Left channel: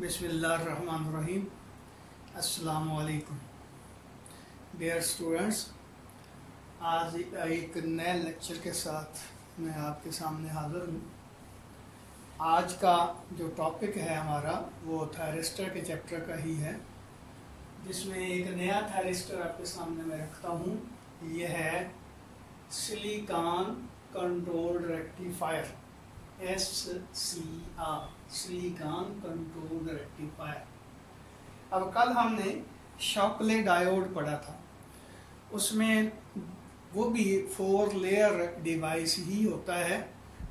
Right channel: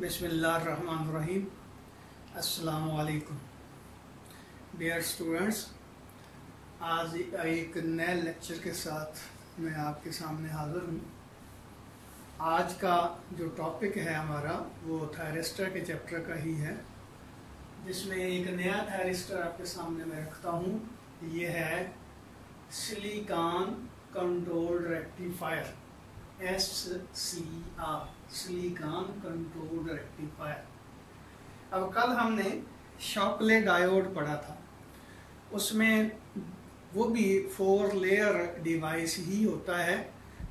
बिस्मिल्लाहिर्रहमानिर्रहीम। अस्सलामु अलैकुम डियर स्टूडेंट्स, आज एक नए लेक्चर के साथ मैं आपके सामने हाजिर हूँ। आज का जो टॉपिक है हमारा वो थायरिस्टर के चैप्टर का ही है, जिसमें एक नया थायरिस्टर आपके सामने मैं रखता हूँ। ये है silicon controlled rectifier, SCR, silicon controlled rectifier. अब कल हमने शॉकले डायोड पढ़ा था, उसमें वो भी 4 लेयर डिवाइस ही होता है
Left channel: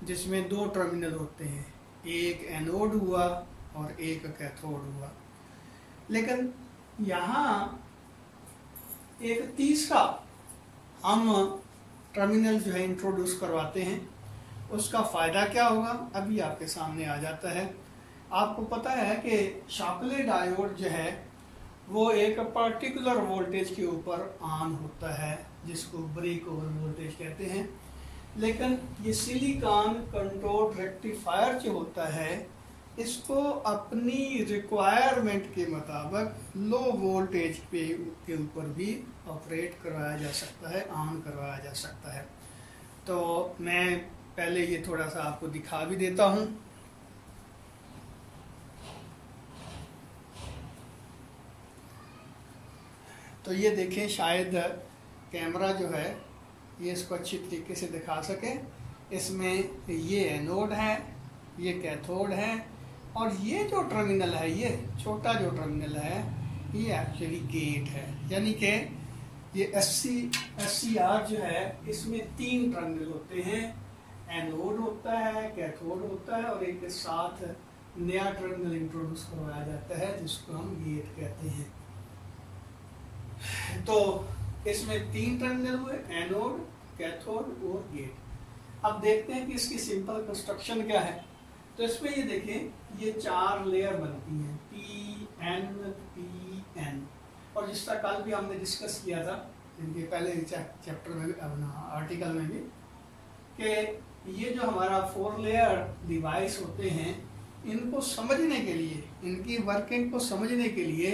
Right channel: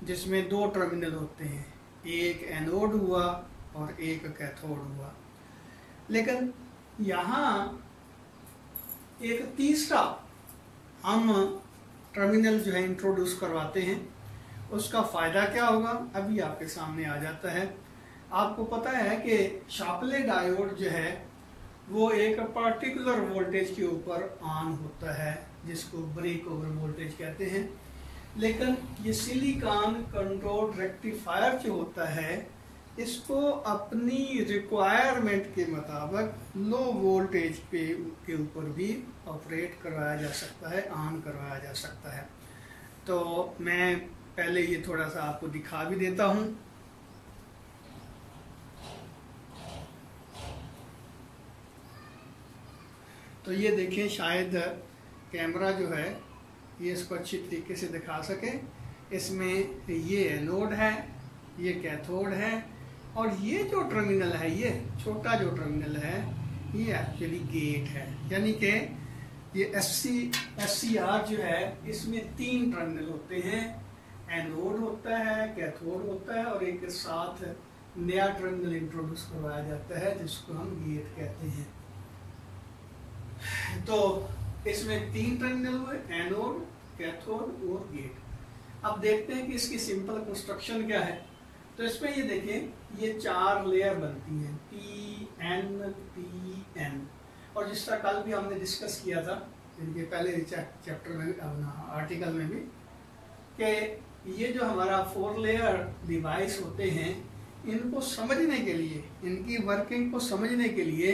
जिसमें 2 टर्मिनल होते हैं, एक एनोड हुआ और एक कैथोड हुआ। लेकिन यहाँ एक तीसरा हम टर्मिनल जो है इंट्रोड्यूस करवाते हैं। उसका फ़ायदा क्या होगा अभी आपके सामने आ जाता है। आपको पता है कि शॉकले डायोड जो है वो एक पर्टिकुलर वोल्टेज के ऊपर ऑन होता है, जिसको ब्रेक ओवर वोल्टेज कहते हैं। लेकिन ये सिलिकॉन कंट्रोल्ड रेक्टिफायर जो होता है, इसको अपनी रिक्वायरमेंट के मुताबिक लो वोल्टेज के ऊपर भी ऑपरेट करवाया जा सकता है, ऑन करवाया जा सकता है। तो मैं पहले ये थोड़ा सा आपको दिखा भी देता हूं। तो ये देखें, शायद कैमरा जो है ये इसको अच्छी तरीके से दिखा सके। इसमें ये एनोड है, ये कैथोड है, और ये जो टर्मिनल है, ये छोटा जो टर्मिनल है, ये एक्चुअली गेट है। यानी कि ये SCR जो है, इसमें 3 टर्मिनल होते हैं। एनोड होता है, कैथोड होता है, और एक के साथ नया टर्मिनल इंट्रोड्यूस करवाया जाता है जिसको हम गेट कहते हैं। तो इसमें 3 टर्मिनल हुए, एनोड, कैथोड और गेट। अब देखते हैं कि इसकी सिंपल कंस्ट्रक्शन क्या है। तो इसमें ये देखें, ये 4 लेयर बनती हैं, PN। और जिस तरह कल भी हमने डिस्कस किया था इनके पहले चैप्टर में भी, अपना आर्टिकल में भी, कि ये जो हमारा 4 लेयर डिवाइस होते हैं, इनको समझने के लिए, इनकी वर्किंग को समझने के लिए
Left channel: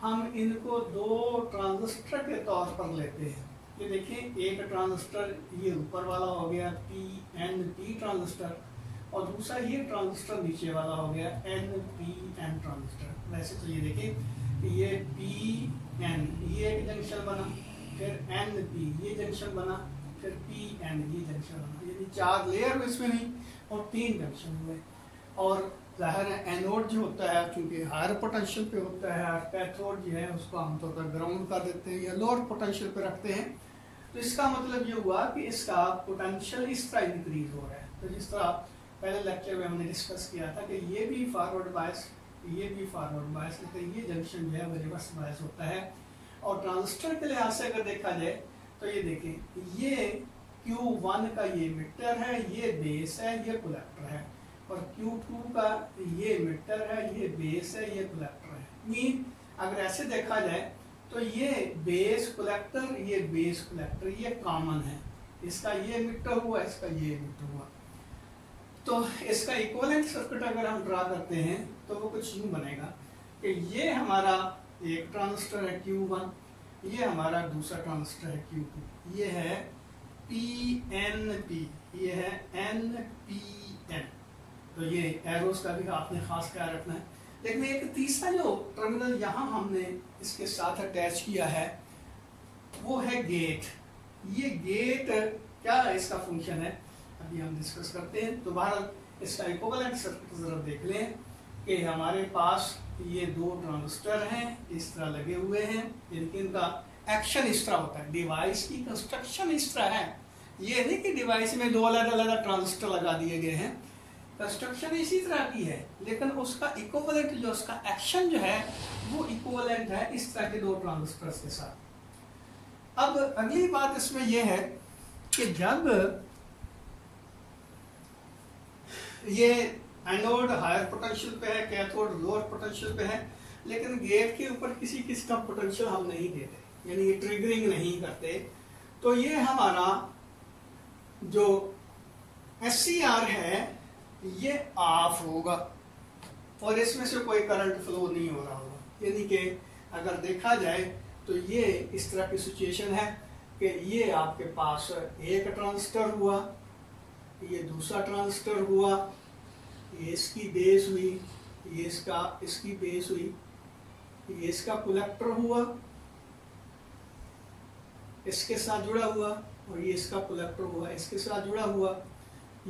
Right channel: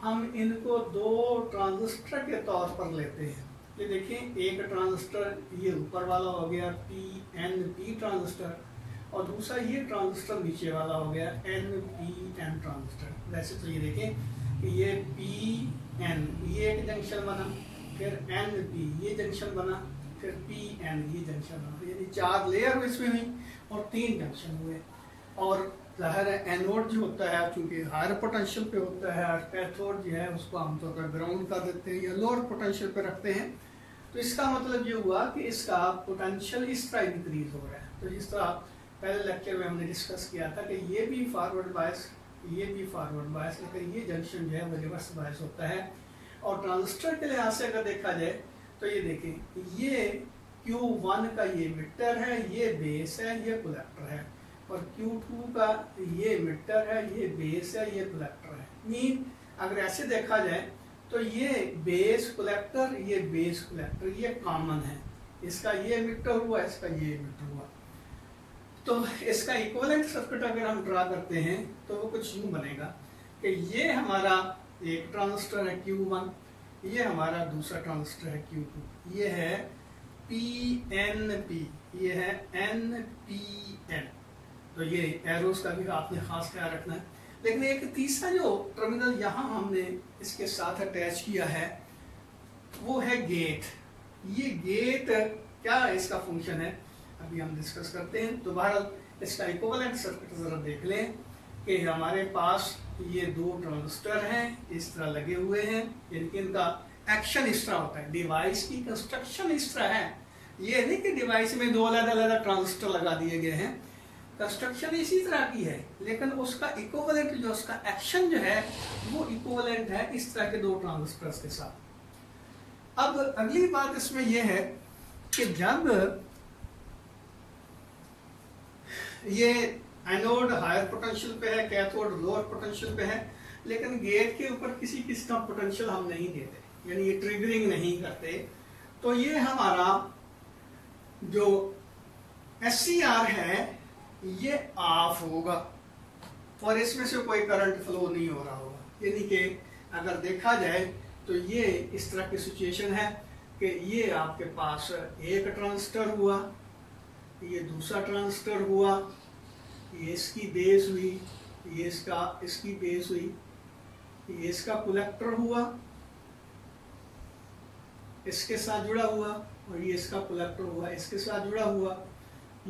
हम इनको 2 ट्रांजिस्टर के तौर पर लेते हैं। ये देखें, एक ट्रांजिस्टर ये ऊपर वाला हो गया PNP ट्रांजिस्टर, और दूसरा ये ट्रांजिस्टर नीचे वाला हो गया NPN ट्रांजिस्टर। वैसे तो ये देखें कि ये PN ये एक जंक्शन बना, फिर NP ये जंक्शन बना, फिर PN ये जंक्शन बना। यानी 4 लेयर इसमें हुई और 3 जंक्शन हुए। और जाहिर है एनोड जो होता है, क्योंकि हायर पोटेंशियल पे होता है, और कैथोड जो है उसको आमतौर पर ग्राउंड कर देते हैं या लोअर पोटेंशियल पे रखते हैं। तो इसका मतलब ये हुआ कि इसका पोटेंशियल इस तरह इंक्रीज हो रहा है। तो जिस तरह पहले लेक्चर में हमने डिस्कस किया था कि ये भी फॉरवर्ड बायस, ये भी फॉरवर्ड बायस, लेकिन ये जंक्शन जो है वो रिवर्स बायस होता है। और ट्रांजिस्टर के लिहाज से अगर देखा जाए तो ये देखें, ये Q1 का ये मीटर है, ये बेस है, ये कलेक्टर है, और Q2 का ये मीटर है, ये बेस है, ये कलेक्टर है। मीन अगर ऐसे देखा जाए तो ये बेस कलेक्टर, ये बेस कलेक्टर, ये कॉमन है। इसका ये मीटर हुआ, इसका ये मीटर हुआ। तो इसका इक्विवेलेंट सर्किट अगर हम ड्रा करते हैं तो वो कुछ यूं बनेगा कि ये हमारा एक ट्रांजिस्टर है Q1, ये हमारा दूसरा ट्रांजिस्टर है Q2, ये है PNP, ये है NPN। तो ये एरोस का भी आपने खास ख्याल रखना है। लेकिन एक तीसरा जो टर्मिनल यहाँ हमने इसके साथ अटैच किया है वो है गेट। ये गेट क्या इसका फंक्शन है अभी हम डिस्कस करते हैं। दोबारा इसका इक्विवेलेंट सर्किट जरा देख लें कि हमारे पास ये 2 ट्रांजिस्टर हैं, इस तरह लगे हुए हैं। इनका एक्शन इस तरह होता है, डिवाइस की कंस्ट्रक्शन इस तरह है। ये नहीं कि डिवाइस में 2 अलग-अलग ट्रांजिस्टर लगा दिए गए हैं, कंस्ट्रक्शन इसी तरह की है, लेकिन उसका इक्विवेलेंट जो उसका एक्शन जो है वो इक्विवेलेंट है इस तरह के 2 ट्रांजिस्टर्स के साथ। अब अगली बात इसमें यह है कि जब ये एनोड हायर पोटेंशियल पे है, कैथोड लोअर पोटेंशियल पे है, लेकिन गेट के ऊपर किसी का पोटेंशियल हम नहीं देते, यानी ये ट्रिगरिंग नहीं करते, तो ये हमारा जो SCR है ये ऑफ होगा। और इसमें से कोई करंट फ्लो नहीं हो रहा होगा। यानी कि अगर देखा जाए तो ये इस तरह की सिचुएशन है कि ये आपके पास एक ट्रांजिस्टर हुआ, ये दूसरा ट्रांजिस्टर हुआ, ये इसकी बेस हुई, ये इसकी बेस हुई, ये इसका कलेक्टर हुआ, इसके साथ जुड़ा हुआ, और ये इसका कलेक्टर हुआ, इसके साथ जुड़ा हुआ,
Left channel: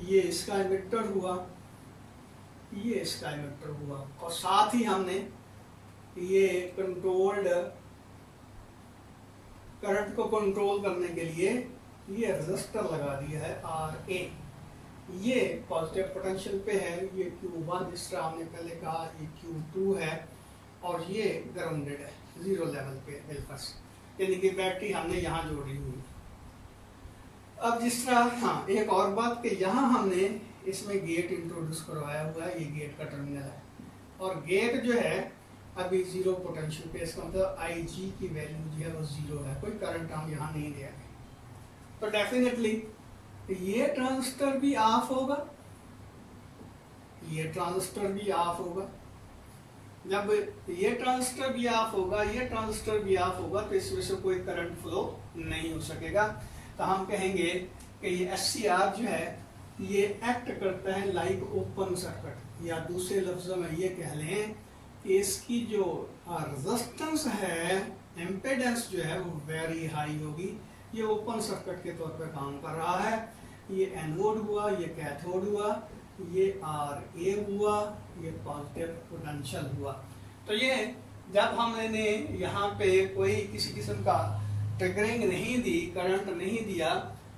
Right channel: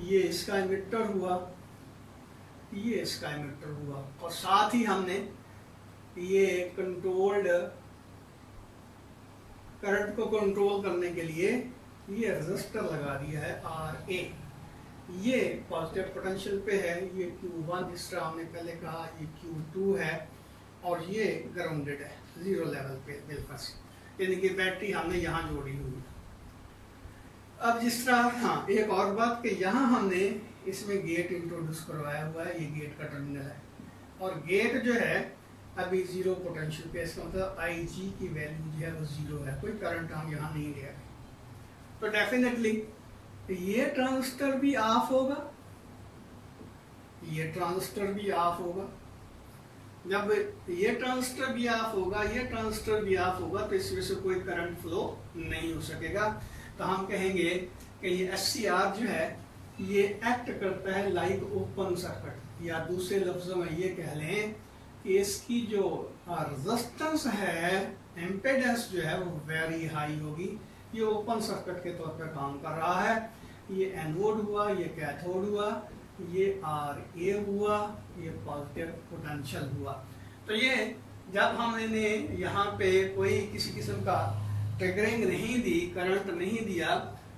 ये इसका इमिटर हुआ, ये इसका इमिटर हुआ, और साथ ही हमने ये कंट्रोल्ड करंट को कंट्रोल करने के लिए ये रेजिस्टर लगा दिया है RA। ये पॉजिटिव पोटेंशियल पे है, ये Q1 जिस तरह हमने पहले कहा, ये Q2 है, और ये ग्राउंडेड है 0 लेवल पे बिल्कुल, यानी कि बैटरी हमने यहाँ जोड़ी हुई। अब जिस तरह, हाँ एक और बात कि यहाँ हमने इसमें गेट इंट्रोड्यूस करवाया हुआ है, ये गेट का टर्मिनल है, और गेट जो है अभी 0 पोटेंशियल पे, इसका मतलब IG की वैल्यू जो है वो 0 है, कोई करंट हम यहाँ नहीं दे रहे। तो डेफिनेटली ये ट्रांजिस्टर भी ऑफ होगा, ये ट्रांजिस्टर भी ऑफ होगा। जब ये ट्रांजिस्टर भी ऑफ होगा, ये ट्रांजिस्टर भी ऑफ होगा, तो इसमें से कोई करंट फ्लो नहीं हो सकेगा। तो हम कहेंगे कि ये SCR जो है ये एक्ट करता है लाइक ओपन सर्किट, या दूसरे लफ्जों में ये कह लें कि इसकी जो रेजिस्टेंस है, इम्पीडेंस जो है वो वेरी हाई होगी। ये ओपन सर्किट के तौर पर काम कर रहा है। ये एनोड हुआ, ये कैथोड हुआ, ये RA हुआ, ये पॉजिटिव पोटेंशियल हुआ। तो ये जब हमने यहाँ पे कोई किसी किस्म का ट्रिगरिंग नहीं दी, करंट नहीं दिया,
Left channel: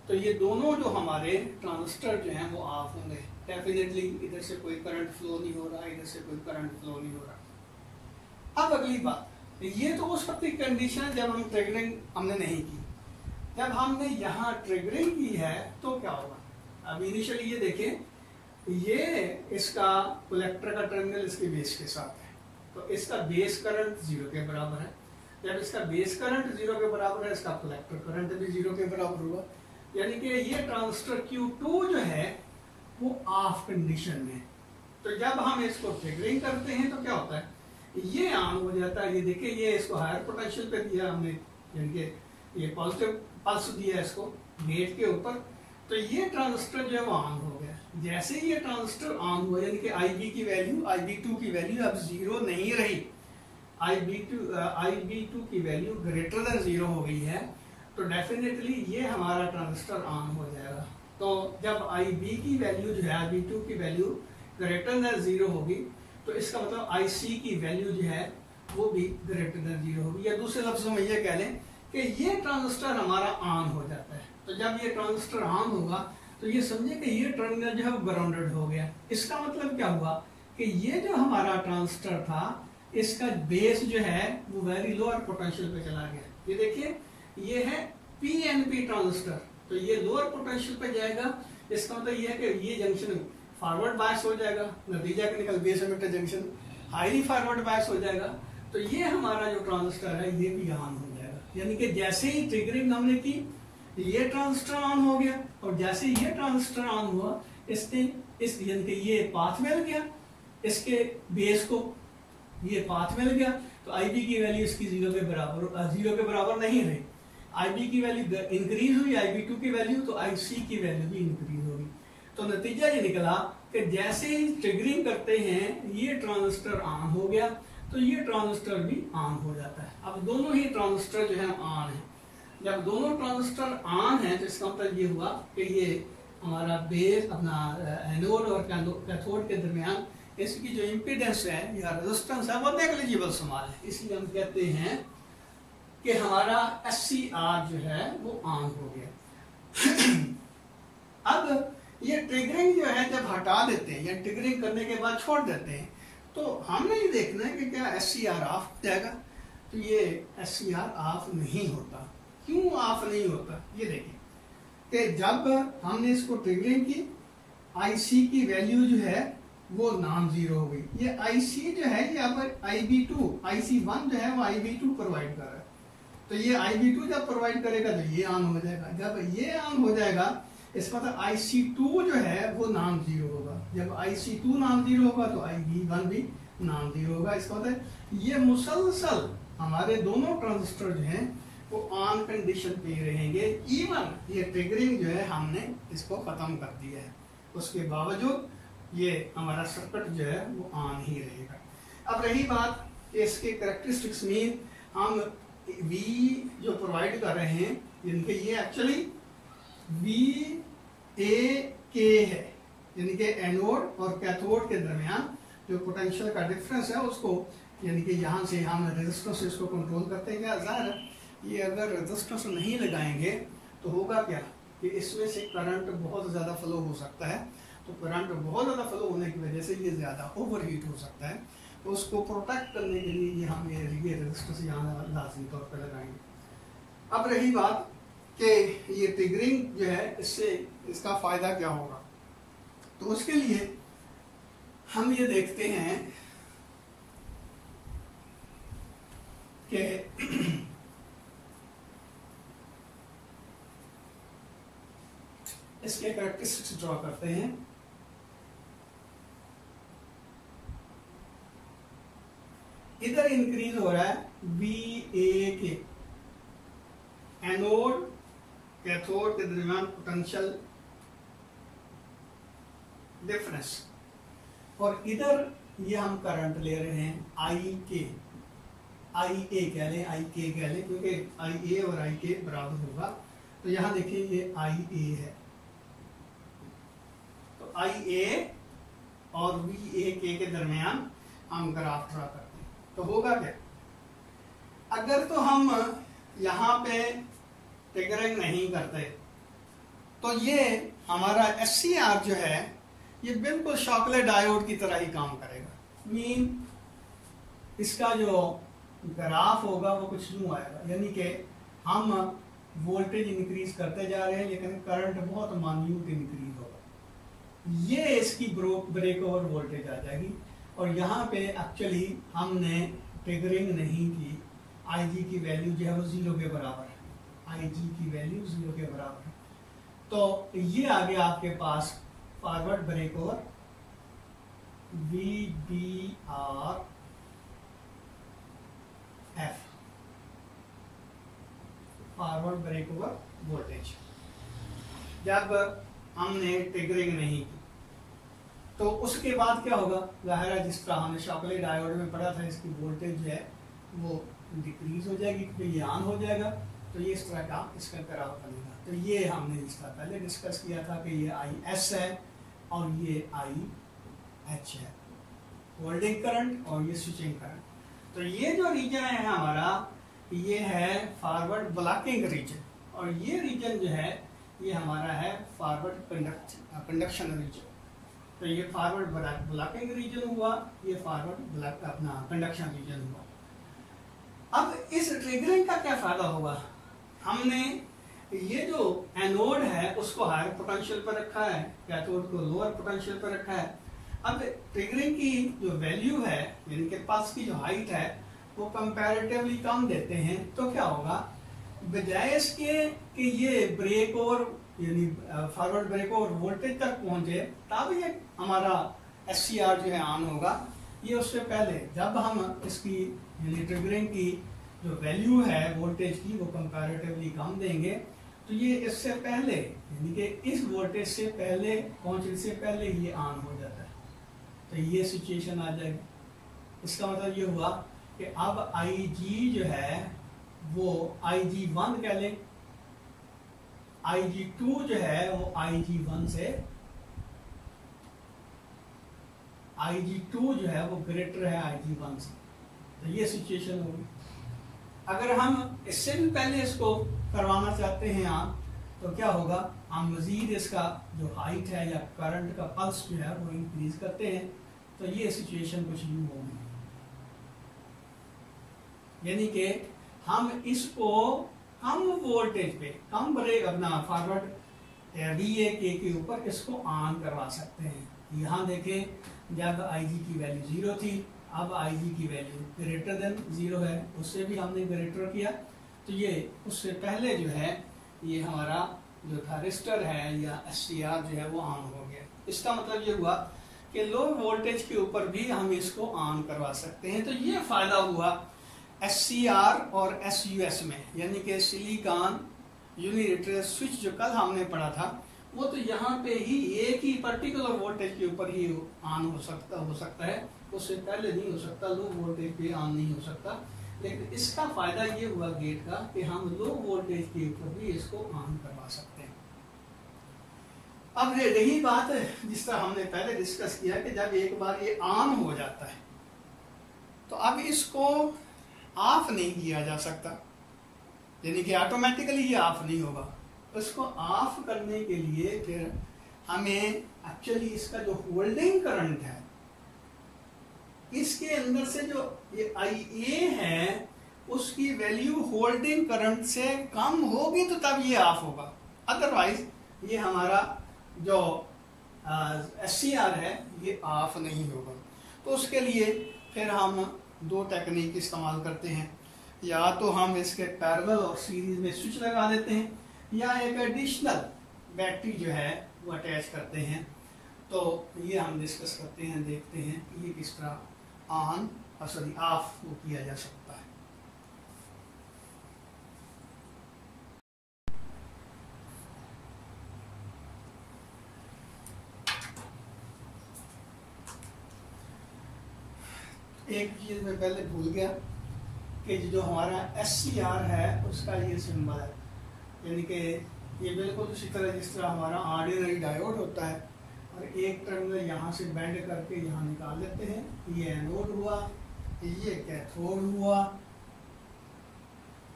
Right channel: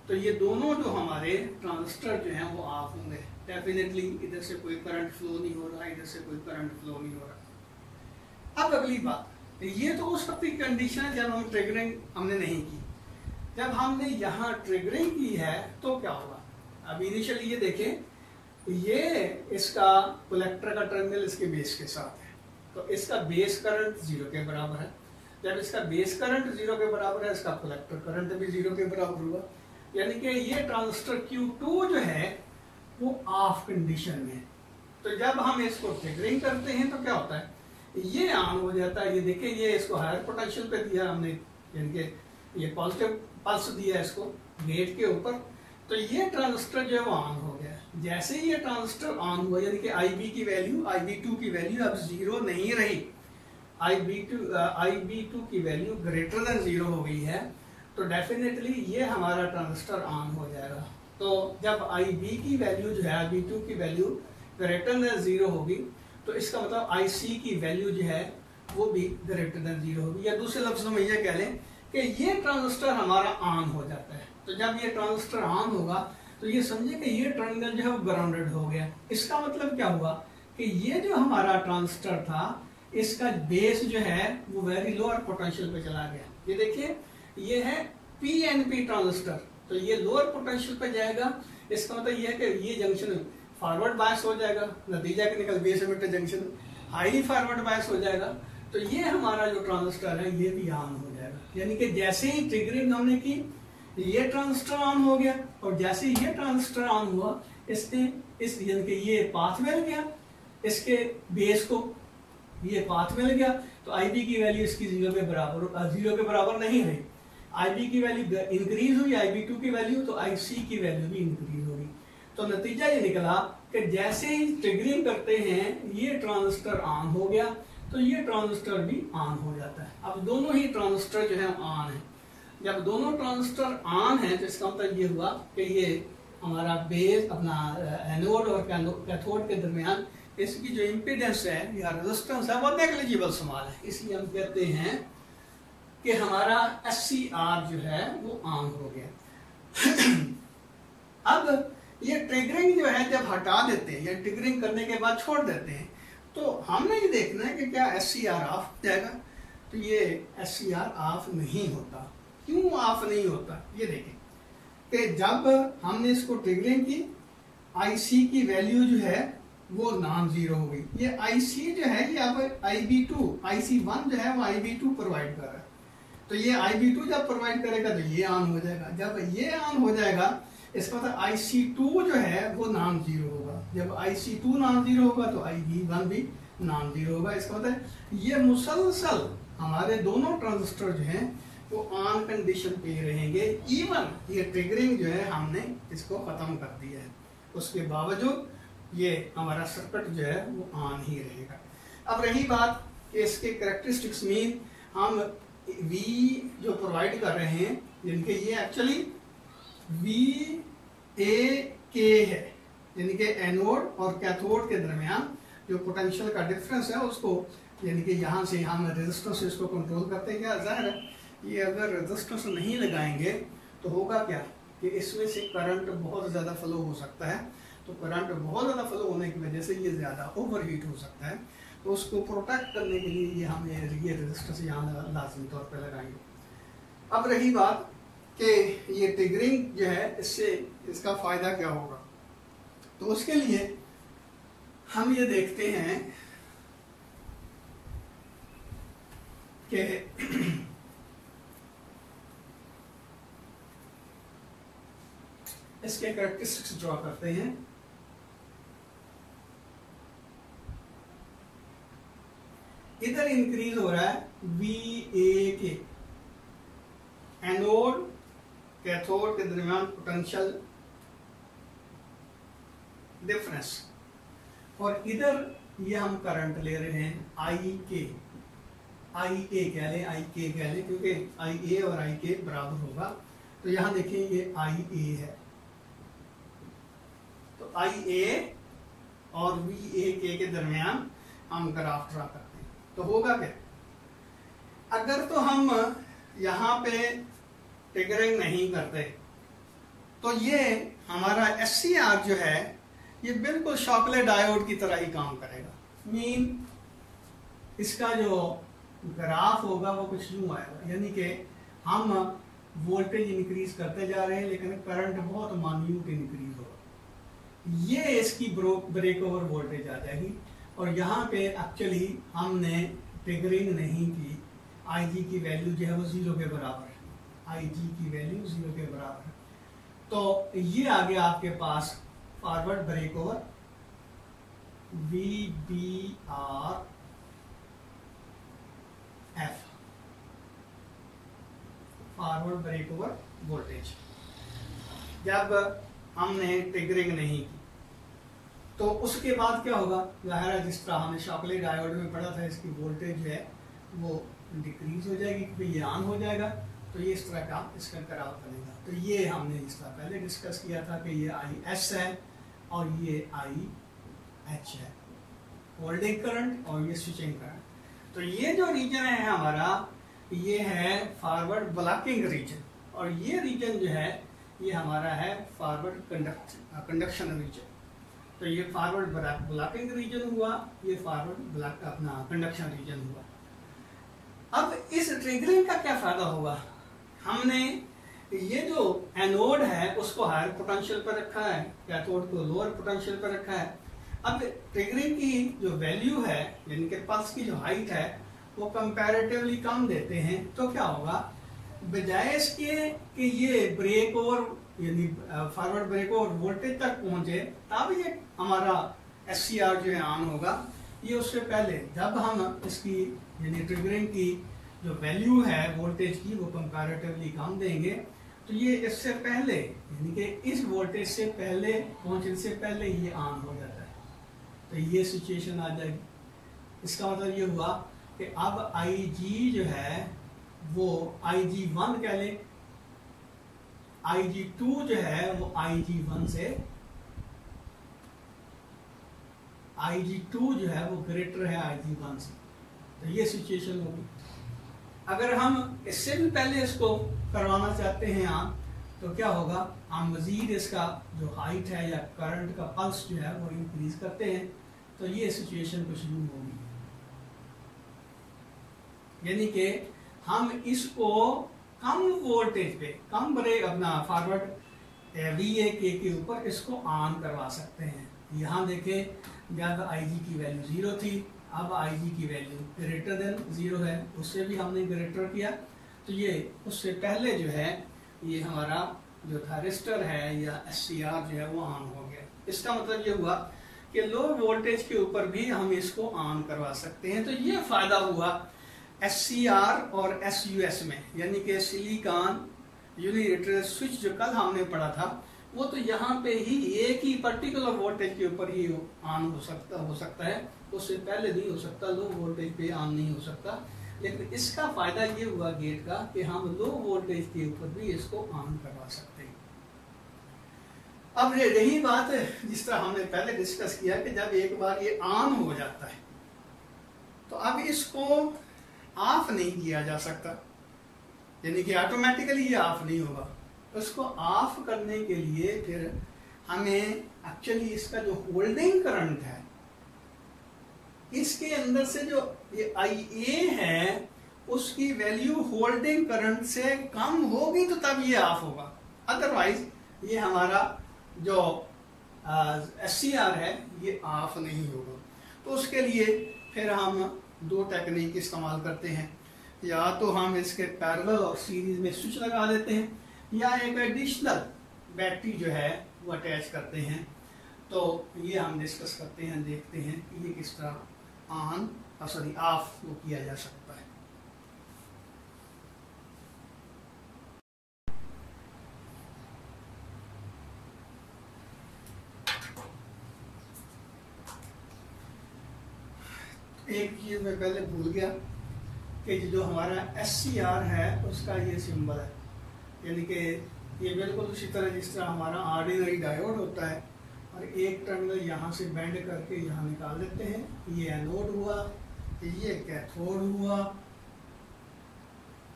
तो ये दोनों जो हमारे ट्रांजिस्टर जो हैं वो ऑफ होंगे। डेफिनेटली इधर से कोई करंट फ्लो नहीं हो रहा, इधर से कोई करंट फ्लो नहीं हो रहा। अब अगली बात, ये तो उस वक्त की कंडीशन है जब हम ट्रिगरिंग हमने नहीं की। जब हमने यहाँ ट्रिगरिंग की है तो क्या होगा? अब इनिशियली ये देखें, ये इसका कलेक्टर का टर्मिनल इसके बेस के साथ है, तो इसका बेस करंट 0 के बराबर है। जब इसका बेस करंट 0 के बराबर है, इसका कलेक्टर करंट भी 0 के बराबर हुआ, यानी कि ये ट्रांजिस्टर Q2 जो है वो ऑफ कंडीशन में। तो जब हम इसको ट्रिगरिंग करते हैं तो क्या होता है, ये ऑन हो जाता है। ये देखिए, ये इसको हायर पोटेंशियल पे दिया हमने, यानी कि ये पॉजिटिव पल्स दिया इसको गेट के ऊपर, तो ये ट्रांजिस्टर जो है वो ऑन हो गया। जैसे ही ये ट्रांजिस्टर ऑन हुआ, यानी कि IB की वैल्यू, IB2 की वैल्यू अब 0 नहीं रही, IB2 की वैल्यू ग्रेटर देन 0 हो गई है, तो डेफिनेटली ये हमारा ट्रांजिस्टर ऑन हो जाएगा। तो जब IB की वैल्यू जो है, IB2 की वैल्यू ग्रेटर देन 0 होगी, तो इसका मतलब IC की वैल्यू जो है वो भी ग्रेटर देन 0 होगी। या दूसरे लफ्जों में ये कह लें कि ये ट्रांजिस्टर हमारा ऑन हो जाता है। तो जब ये ट्रांजिस्टर ऑन होगा तो ये समझे कि ये टर्मिनल जो है वो ग्राउंडेड हो गया। इसका मतलब क्या हुआ कि ये जो हमारा ट्रांजिस्टर था, इसका बेस जो है वो वेरी लोअर पोटेंशियल पे चला गया। ये देखिए, ये है PNP ट्रांजिस्टर, तो ये लोअर पोटेंशियल पे जाएगा। इसका मतलब ये है कि ये जंक्शन फॉरवर्ड बायस हो जाएगा, नतीजा के निकल base emitter junction highly forward bias हो जाएगा। तो ये हमारा जो ट्रांजिस्टर है ये भी ऑन हो जाएगा। यानी कि जैसे ही ट्रिगरिंग हमने की, ये ट्रांजिस्टर ऑन हो गया, और जैसे ही ये ट्रांजिस्टर ऑन हुआ, इसने इस यानी कि ये पाथ मिल गया इसके बेस को, ये पाथ मिल गया, तो IB की वैल्यू इसकी 0 के बराबर नहीं रही। IB की वैल्यू इंक्रीज हुई, IB2 की वैल्यू, तो IC की वैल्यू भी इंक्रीज होगी। तो नतीजा ये निकला कि जैसे ही ट्रिगरिंग करते हैं ये ट्रांजिस्टर ऑन हो गया, तो ये ट्रांजिस्टर भी ऑन हो जाता है। अब दोनों ही ट्रांजिस्टर जो है ऑन है। जब दोनों ट्रांजिस्टर ऑन है तो इसका मतलब ये हुआ कि ये हमारा बेस अपना एनोड और कैथोड के दरमियान इसकी जो इम्पीडेंस है या रेजिस्टेंस है वो नेग्लिजिबल स्मॉल है। इसलिए हम कहते हैं कि हमारा SCR जो है वो ऑन हो गया। अब ये ट्रिगरिंग जो है जब हटा देते हैं या ट्रिगरिंग करने के बाद छोड़ देते हैं, तो हमने ये देखना है कि क्या SCR ऑफ हो जाएगा। तो ये SCR ऑफ नहीं होता। क्यों ऑफ नहीं होता? ये देखें कि जब हमने इसको ट्रिगरिंग की, IC की वैल्यू जो है वो नॉन जीरो हो गई। ये IC जो है ये अब IB2, IC1 जो है वो IB2 प्रोवाइड कर रहा है, तो ये IB2 जब प्रोवाइड करेगा तो ये ऑन हो जाएगा। जब ये ऑन हो जाएगा, इसका मतलब IC2 जो है वो नॉन जीरो होगा। जब IC2 नॉन जीरो होगा तो IB1 भी नॉन जीरो होगा। इसका मतलब ये मुसलसल हमारे दोनों ट्रांजिस्टर जो हैं वो ऑन कंडीशन पे ही रहेंगे, इवन ये ट्रिगरिंग जो है हमने इसको खत्म कर दिया है, उसके बावजूद ये हमारा सर्किट जो है वो ऑन ही रहेगा। अब रही बात इसके कैरेक्टरिस्टिक्स में, हम V जो प्रोवाइड कर रहे हैं जिनके ये एक्चुअली VAK है, यानी कि एनोड और कैथोड के दरमियान जो पोटेंशियल का डिफरेंस है उसको, यानी कि यहाँ से हम रेजिस्टर से इसको कंट्रोल करते हैं। क्या जाहिर है ये अगर रेजिस्टेंस नहीं लगाएंगे तो होगा क्या कि इसमें से करंट बहुत ज़्यादा फ्लो हो सकता है, तो करंट बहुत ज़्यादा फ्लो होने की वजह से ये ज़्यादा ओवरहीट हो सकता है, तो उसको प्रोटेक्ट करने के लिए ये हम ये रेजिस्टेंस यहाँ लाजमी तौर पर लगाएंगे। अब रही बात कि ये ट्रिगरिंग जो है इससे इसका फ़ायदा क्या होगा, तो उसके लिए हम ये देखते हैं कि इसके कैरेक्टरिस्टिक्स ड्रॉ करते हैं। इधर इंक्रीज हो रहा है VAK, एनोड कैथोड के दरमियान पोटेंशियल डिफरेंस, और इधर ये हम करंट ले रहे हैं IA कह लें, IK कह लें, क्योंकि IA और IK बराबर होगा। तो यहां देखिए ये IA है, तो IA और VAK के दरमियान हम ग्राफ ड्रा करते हैं, तो होगा क्या, अगर तो हम यहां पे ट्रिगरिंग नहीं करते तो ये हमारा SCR जो है ये बिल्कुल शॉकले डायोड की तरह ही काम करेगा। मीन इसका जो ग्राफ होगा वो कुछ यूं आएगा, यानी कि हम वोल्टेज इंक्रीज करते जा रहे हैं लेकिन करंट बहुत मान्यूट इंक्रीज होगा, ये इसकी ब्रेक ओवर वोल्टेज आ जाएगी। और यहाँ पे एक्चुअली हमने ट्रिगरिंग नहीं की, IG की वैल्यू जो है वो 0 के बराबर है, IG की वैल्यू 0 के बराबर है, तो ये आ गया आपके पास forward break over VBRF। Forward break over voltage जब हमने ट्रिगरिंग नहीं की, तो उसके बाद क्या होगा, जाहिर है जिस तरह हमने शॉकले डायोड में पढ़ा था, इसकी वोल्टेज जो है वो डिक्रीज हो जाएगी क्योंकि ये ऑन हो जाएगा, तो ये इस तरह का इसका कराव बनेगा। तो ये हमने जिस तरह पहले डिस्कस किया था कि ये IS है और ये IH है, होल्डिंग करंट और ये स्विचिंग करंट। तो ये जो रीजन है हमारा, ये है फॉरवर्ड ब्लॉकिंग रीजन, और ये रीजन जो है ये हमारा है फॉरवर्ड कंडक्शन रीजन। तो ये फॉरवर्ड ब्लॉकिंग रीजन हुआ, ये फॉरवर्ड अपना कंडक्शन रीजन हुआ। अब इस ट्रिगरिंग का क्या फायदा होगा, हमने ये जो एनोड है उसको हायर पोटेंशियल पर रखा है, कैथोड को लोअर पोटेंशियल पर रखा है। अब ट्रिगरिंग की जो वैल्यू है यानी कि पल्स की जो हाइट है वो कंपैरेटिवली कम देते हैं, तो क्या होगा, बजाय इसके कि ये ब्रेक ओवर यानी फॉरवर्ड ब्रेक ओवर वोल्टेज तक पहुंचे तब ये हमारा SCR जो है ऑन होगा, ये उससे पहले जब हम इसकी यानी ट्रिगरिंग की जो वैल्यू है वोल्टेज की वो कंपैरेटिवली कम देंगे, तो ये इससे पहले यानी कि इस वोल्टेज से पहले पहुंचने से पहले ये ऑन हो जाता है, तो ये सिचुएशन आ जाएगी। इसका मतलब ये हुआ कि अब IG जो है वो IG1 कह ले, IG2 जो है वो IG1 से, IG2 जो है वो ग्रेटर है IG1 से, तो ये सिचुएशन होगी। अगर हम इससे भी पहले इसको करवाना चाहते हैं आप, तो क्या होगा, हम मजीद इसका जो हाइट है या करंट का पल्स जो है वो इंक्रीज करते हैं, तो ये सिचुएशन कुछ यूं होगी, यानी कि हम इसको कम वोल्टेज पे कम ब्रेक अपना फॉरवर्ड VAK के ऊपर इसको ऑन करवा सकते हैं। यहाँ देखें जब IG की वैल्यू 0 थी, अब IG की वैल्यू ग्रेटर देन 0 है, उससे भी हमने ग्रेटर किया, तो ये उससे पहले जो है ये हमारा जो थारिस्टर है या SCR जो है वो ऑन हो गया। इसका मतलब ये हुआ कि लो वोल्टेज के ऊपर भी हम इसको ऑन करवा सकते हैं। तो ये फायदा हुआ SCR और SUS में, यानी कि सिलिकॉन यूनिलेटरल स्विच जो कल हमने पढ़ा था, वो तो यहाँ पे ही एक ही पर्टिकुलर वोल्टेज के ऊपर ही ऑन हो सकता है, उससे पहले नहीं हो सकता, लो वोल्टेज पे ऑन नहीं हो सकता। लेकिन इसका फायदा ये हुआ गेट का कि हम लो वोल्टेज के ऊपर भी इसको ऑन करवा सकते हैं। अब रही बात जिस तरह हमने पहले डिस्कस किया कि जब एक बार ये ऑन हो जाता है तो अब इसको ऑफ नहीं किया जा सकता, यानी कि ऑटोमेटिकली ये ऑफ नहीं होगा। तो इसको ऑफ करने के लिए फिर हमें एक्चुअली इसका जो होल्डिंग करंट है, इसके अंदर से जो ये IA है उसकी वैल्यू होल्डिंग करंट से कम होगी तो तब ये ऑफ होगा, अदरवाइज ये हमारा जो SCR है ये ऑफ नहीं होगा। तो उसके लिए फिर हम दो टेक्निक इस्तेमाल करते हैं, या तो हम इसके पैरेलल और सीरीज में स्विच लगा देते हैं, या एक एडिशनल बैटरी जो है वो अटैच करते हैं। तो ये हम डिस्कस करते हैं, देखते हैं कि ये किस तरह ऑफ वो किया जा सकता है। एक चीज मैं पहले भूल गया कि जो हमारा SCR है उसका ये सिंबल है, यानी कि ये बिल्कुल उसी तरह जिस तरह हमारा ऑर्डिनरी डायोड होता है, और एक टर्मिनल यहाँ से बेंड करके यहाँ निकाल लेते हैं। ये एनोड हुआ, ये कैथोड हुआ,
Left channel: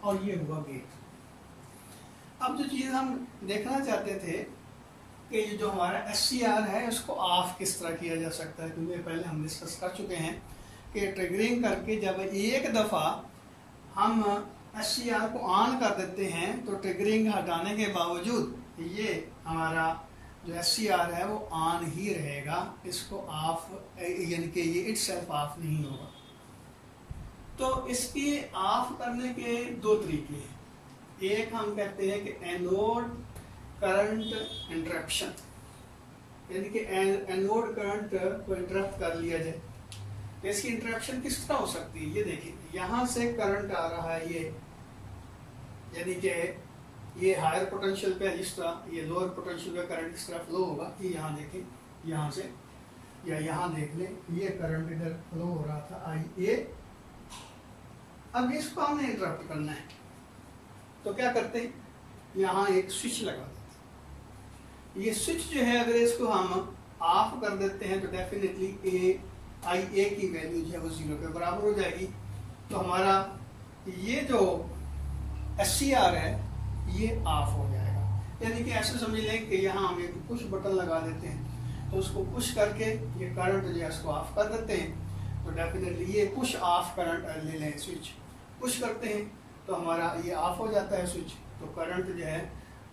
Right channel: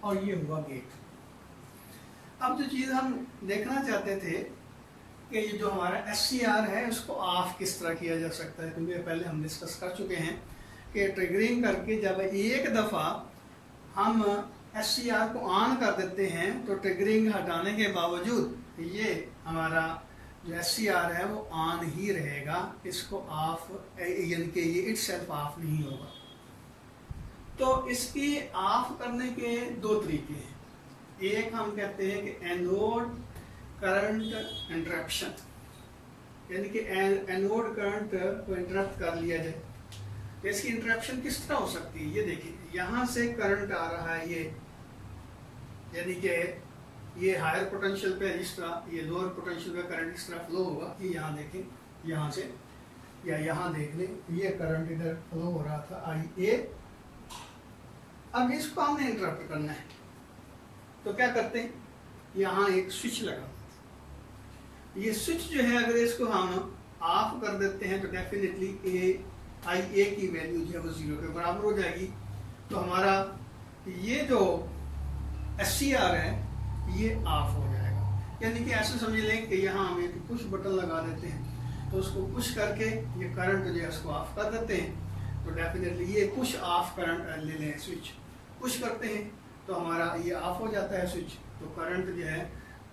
और ये हुआ गेट। अब जो चीज हम देखना चाहते थे कि ये जो हमारा SCR है उसको ऑफ किस तरह किया जा सकता है, क्योंकि पहले हम डिस्कस कर चुके हैं कि ट्रिगरिंग करके जब एक दफा हम SCR को ऑन कर देते हैं तो ट्रिगरिंग हटाने के बावजूद ये हमारा जो SCR है वो ऑन ही रहेगा, इसको ऑफ यानी कि ये इटसेल्फ ऑफ नहीं होगा। तो इसकी ऑफ करने के दो तरीके हैं। एक हम कहते हैं कि एनोड करंट इंटरप्शन, यानी कि एनोड करंट को इंटरप्ट कर लिया जाए। तो इसकी इंटरप्शन किस तरह हो सकती है, ये देखिए यहां से करंट आ रहा है, ये यानी कि ये हायर पोटेंशियल पे जिस तरह ये लोअर पोटेंशियल पे करंट इस तरह फ्लो होगा, ये यहाँ देखें, यहाँ से या यहाँ देख लें, ये करंट इधर फ्लो हो रहा था IA। अब इसको हमने इंटरप्ट करना है तो क्या करते हैं, यहाँ एक स्विच लगा देते हैं। ये स्विच जो है अगर इसको हम ऑफ कर देते हैं तो डेफिनेटली IA की वैल्यू जो है वो 0 के बराबर हो जाएगी। तो हमारा ये जो SCR है ये ऑफ हो जाएगा, यानी कि ऐसे समझ लें कि यहाँ हम एक पुश बटन लगा देते हैं, तो उसको पुश करके ये करंट जो है उसको ऑफ कर देते हैं। तो डेफिनेटली ये पुश ऑफ करंट ले लें, स्विच पुश करते हैं तो हमारा ये ऑफ हो जाता है स्विच। तो करंट जो है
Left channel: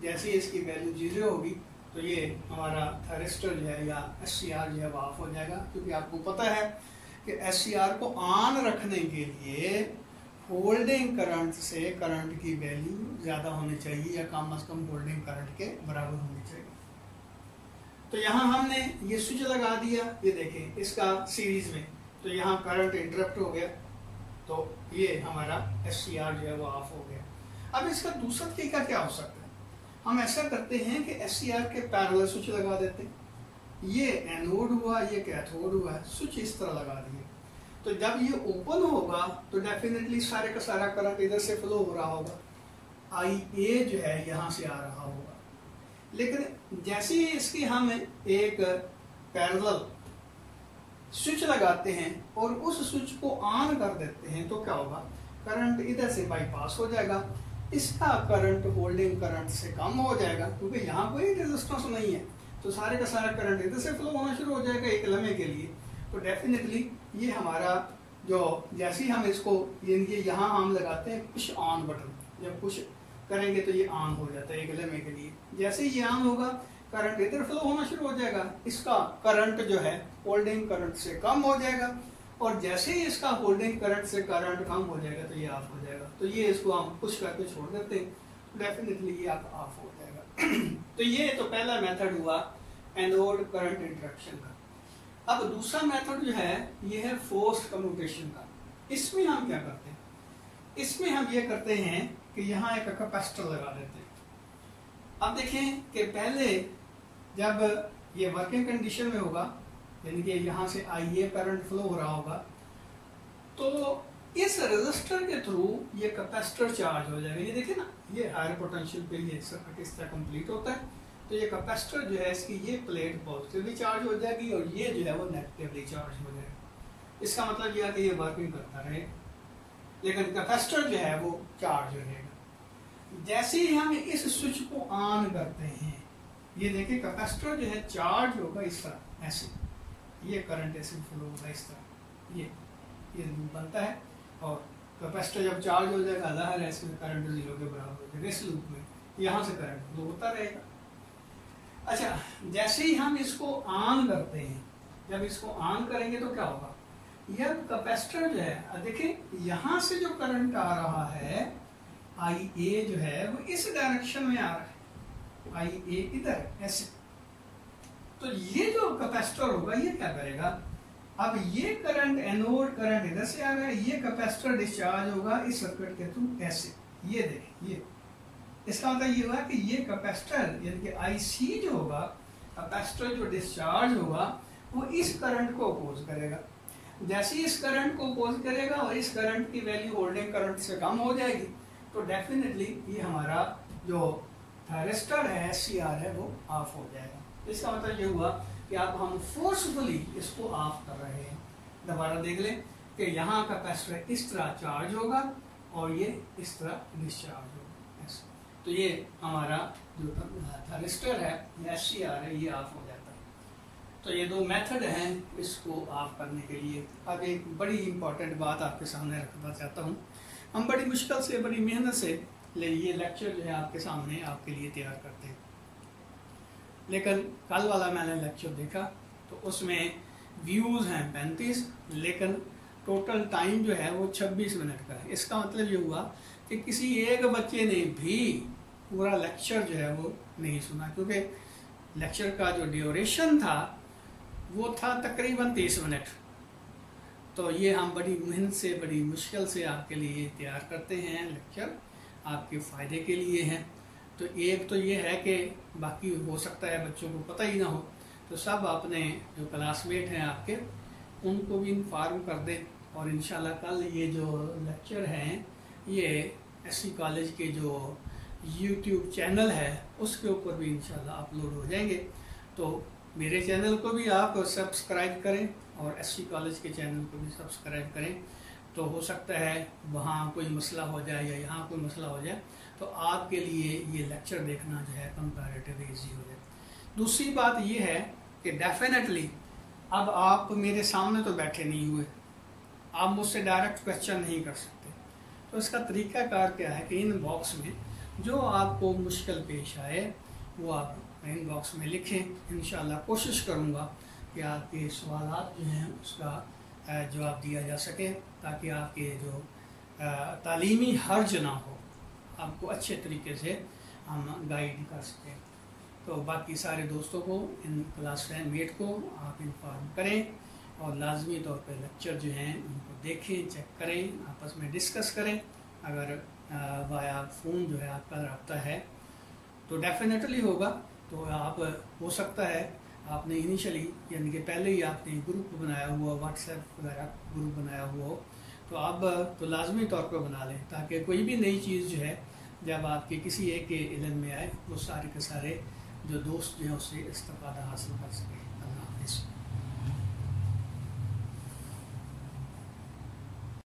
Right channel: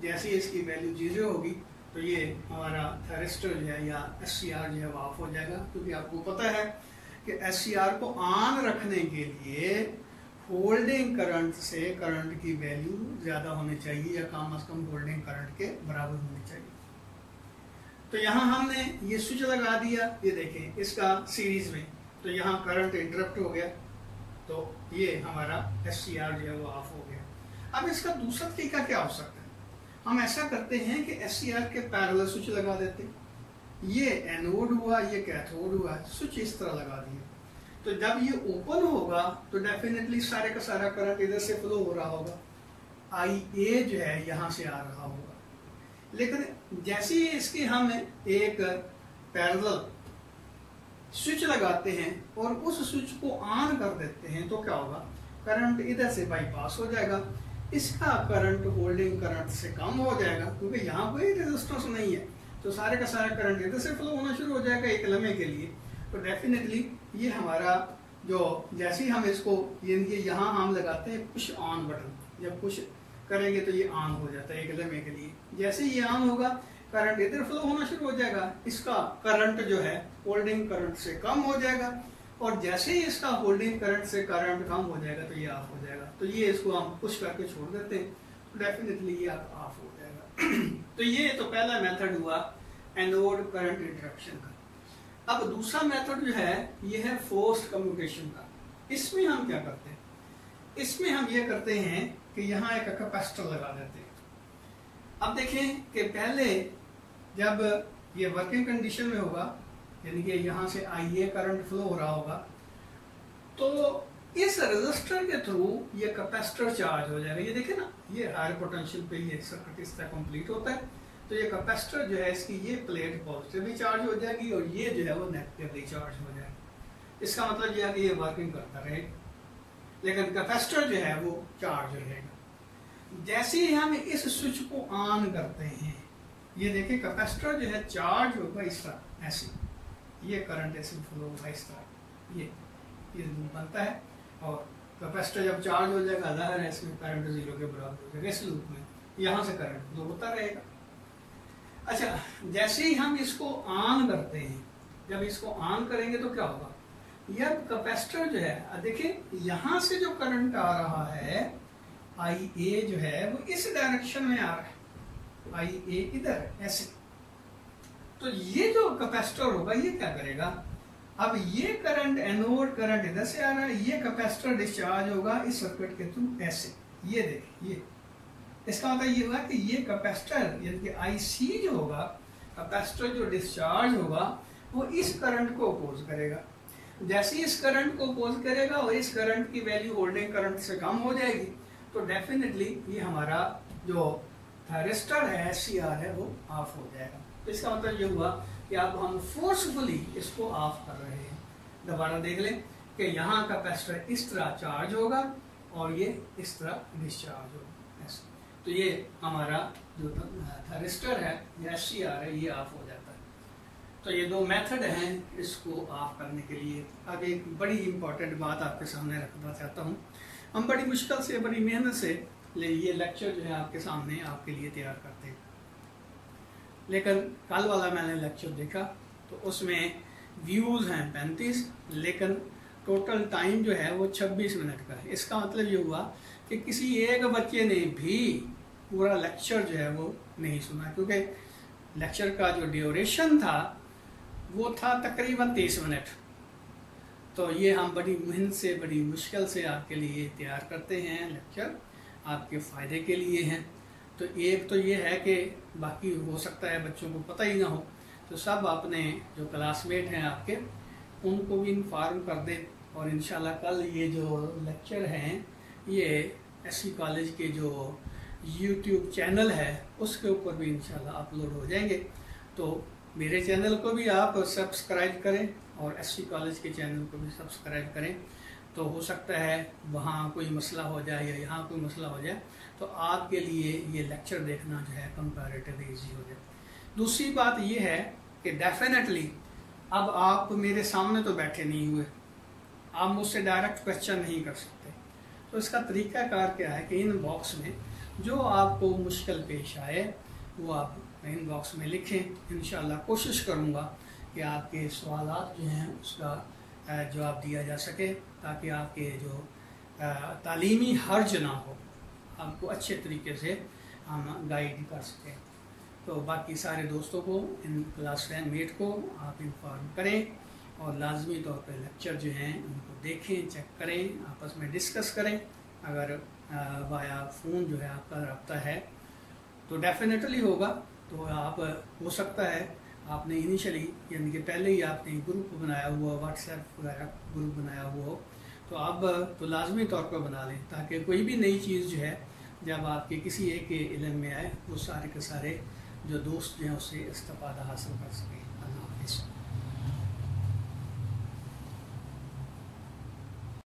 जैसे ही इसकी वैल्यू 0 होगी तो ये हमारा थैरिस्टर जो है या SCR जो है वो ऑफ हो जाएगा, क्योंकि आपको पता है कि SCR को ऑन रखने के लिए होल्डिंग करंट से करंट की वैल्यू ज्यादा होनी चाहिए या कम से कम होल्डिंग करंट के बराबर होनी चाहिए। तो यहाँ हमने ये स्विच लगा दिया, ये देखें इसका सीरीज में, तो यहाँ करंट इंटरप्ट हो गया, तो ये हमारा SCR जो है वो ऑफ हो गया। अब इसका दूसरा तरीका क्या हो सकता है, हम ऐसा करते हैं कि SCR के पैरेलल स्विच लगा देते हैं। ये एनोड हुआ, ये कैथोड हुआ, स्विच इस तरह लगा दिए। तो जब ये ओपन होगा तो डेफिनेटली सारे का सारा करंट इधर से फ्लो हो रहा होगा, IA जो है यहाँ से आ रहा होगा। लेकिन जैसे ही इसकी हम एक पैरेलल स्विच लगाते हैं और उस स्विच को ऑन कर देते हैं तो क्या होगा, करंट इधर से बाईपास हो जाएगा, इसका करंट होल्डिंग करंट से कम हो जाएगा, क्योंकि यहाँ कोई रेजिस्टेंस नहीं है, तो सारे का सारा करंट इधर से फ्लो होना शुरू हो जाएगा एक लम्हे के लिए। तो डेफिनेटली ये हमारा जो जैसे ही हम इसको ये यहाँ हम लगाते हैं पुश ऑन बटन, जब पुश करेंगे तो ये ऑन हो जाता है एक लम्हे के लिए। जैसे ही ये ऑन होगा करंट इधर फ्लो होना शुरू हो जाएगा, इसका करंट जो है होल्डिंग करंट से कम हो जाएगा, और जैसे ही इसका होल्डिंग करंट से करंट कम हो जाएगा तो ये ऑफ हो जाएगा। तो ये इसको हम पुश करके छोड़ देते हैं, तो डेफिनेटली ये ऑफ हो जाएगा। तो ये तो पहला मेथड हुआ एनोड करंट इंटरप्शन का। अब दूसरा मेथड जो है ये है फोर्स्ड कम्यूटेशन का। इसमें हम क्या करते हैं, इसमें हम ये करते हैं कि यहाँ एक कैपेसिटर लगा देते हैं। अब देखें कि पहले जब ये वर्किंग कंडीशन में होगा, यानी कि यहाँ से IA करंट फ्लो हो रहा होगा, तो इस रेजिस्टर के थ्रू ये कैपेसिटर चार्ज हो जाएगा। ये देखें ना, ये हायर पोटेंशियल पे ये सर्किट इस तरह कंप्लीट होता है। तो ये कैपेसिटर जो है इसकी ये प्लेट पॉजिटिवली चार्ज हो जाएगी और ये जो है वो नेगेटिवली चार्ज हो जाएगा। इसका मतलब ये है कि ये वर्किंग करता रहेगा, लेकिन कैपेसिटर जो है वो चार्ज रहेगा। जैसे ही हम इस स्विच को ऑन करते हैं, ये देखिए कैपेसिटर जो है चार्ज होगा इस तरह, ऐसे ये करंट ऐसे फ्लो होगा इस तरह, ये लूप बनता है। और कैपेसिटर जब चार्ज हो जाएगा, जाहिर है इसमें करंट 0 के बराबर हो जाएगा। इस लूप में यहाँ से करंट फ्लो होता रहेगा। अच्छा, जैसे ही हम इसको ऑन करते हैं, जब इसको ऑन करेंगे तो क्या होगा, यह कैपेसिटर जो है, देखिए यहाँ से जो करंट आ रहा है IA जो है वो इस डायरेक्शन में आ रहा है, IA इधर ऐसे। तो ये जो कैपेसिटर होगा ये क्या करेगा, अब ये करंट एनोड करंट इधर से आ रहा है, ये कैपेसिटर डिस्चार्ज होगा इस सर्किट के थ्रू ऐसे। ये देखिए, ये इसका मतलब ये हुआ कि ये कैपेसिटर यानी कि IC जो होगा, कैपेसिटर जो डिस्चार्ज होगा वो इस करंट को अपोज करेगा। जैसे ही इस करंट को अपोज करेगा और इस करंट की वैल्यू होल्डिंग करंट से कम हो जाएगी, तो डेफिनेटली ये हमारा जो थायरिस्टर है, SCR है, वो ऑफ हो जाएगा। तो इसका मतलब ये हुआ कि अब हम फोर्सफुली इसको ऑफ कर रहे हैं। दोबारा देख लें कि यहाँ कैपेसिटर इस तरह चार्ज होगा और ये इस तरह डिस्चार्ज होगा। तो ये हमारा जो थायरिस्टर है या SCR है, ये ऑफ हो जाता है। तो ये दो मेथड हैं इसको ऑफ करने के लिए। अब एक बड़ी इंपॉर्टेंट बात आपके सामने रखना चाहता हूँ। हम बड़ी मुश्किल से, बड़ी मेहनत से ये लेक्चर जो है आपके सामने आपके लिए तैयार करते हैं, लेकिन कल वाला मैंने लेक्चर देखा तो उसमें व्यूज़ हैं 35, लेकिन टोटल टाइम जो है वो 26 मिनट का है। इसका मतलब ये हुआ कि किसी एक बच्चे ने भी पूरा लेक्चर जो है वो नहीं सुना, क्योंकि लेक्चर का जो ड्यूरेशन था वो था तकरीबन 30 मिनट। तो ये हम बड़ी मेहनत से, बड़ी मुश्किल से आपके लिए तैयार करते हैं लेक्चर, आपके फ़ायदे के लिए हैं। तो एक तो ये है कि बाकी हो सकता है बच्चों को पता ही ना हो, तो सब अपने जो क्लासमेट हैं आपके, उनको भी इन्फॉर्म कर दें। और इंशाल्लाह कल ये जो लेक्चर हैं ये SC कॉलेज के जो YouTube चैनल है उसके ऊपर भी इंशाल्लाह अपलोड हो जाएंगे। तो मेरे चैनल को भी आप सब्सक्राइब करें और SC कॉलेज के चैनल को भी सब्सक्राइब करें। तो हो सकता है वहाँ कोई मसला हो जाए या यहाँ कोई मसला हो जाए, तो आपके लिए ये लेक्चर देखना जो है कंपैरेटिवली ईजी हो जाए। दूसरी बात ये है कि डेफिनेटली अब आप मेरे सामने तो बैठे नहीं हुए, आप मुझसे डायरेक्ट क्वेश्चन नहीं कर सकते। तो इसका तरीकाकार क्या है कि इन बॉक्स में जो आपको मुश्किल पेश आए वो आप इन बॉक्स में लिखें। इंशाल्लाह कोशिश करूँगा कि आपके सवालात जो हैं उसका जवाब दिया जा सके, ताकि आपके जो तालीमी हर्ज ना हो, आपको अच्छे तरीके से हम गाइड कर सकें। तो बाकी सारे दोस्तों को, इन क्लास मेट को आप इन्फॉर्म करें और लाजमी तौर पे लेक्चर जो हैं उनको देखें, चेक करें, आपस में डिस्कस करें। अगर वाया फ़ोन जो है आपका रब्ता है तो डेफिनेटली होगा। तो आप हो सकता है आपने इनिशियली यानी कि पहले ही आपने ग्रुप बनाया हुआ, व्हाट्सएप वगैरह ग्रुप बनाया हुआ हो, तो अब तो लाजमी तौर पर बना लें, ताकि कोई भी नई चीज़ जो है जब आपके किसी एक के इल्म में आए वो सारे के सारे जो दोस्त जो हैं उससे इस्तेफादा हासिल कर सकें।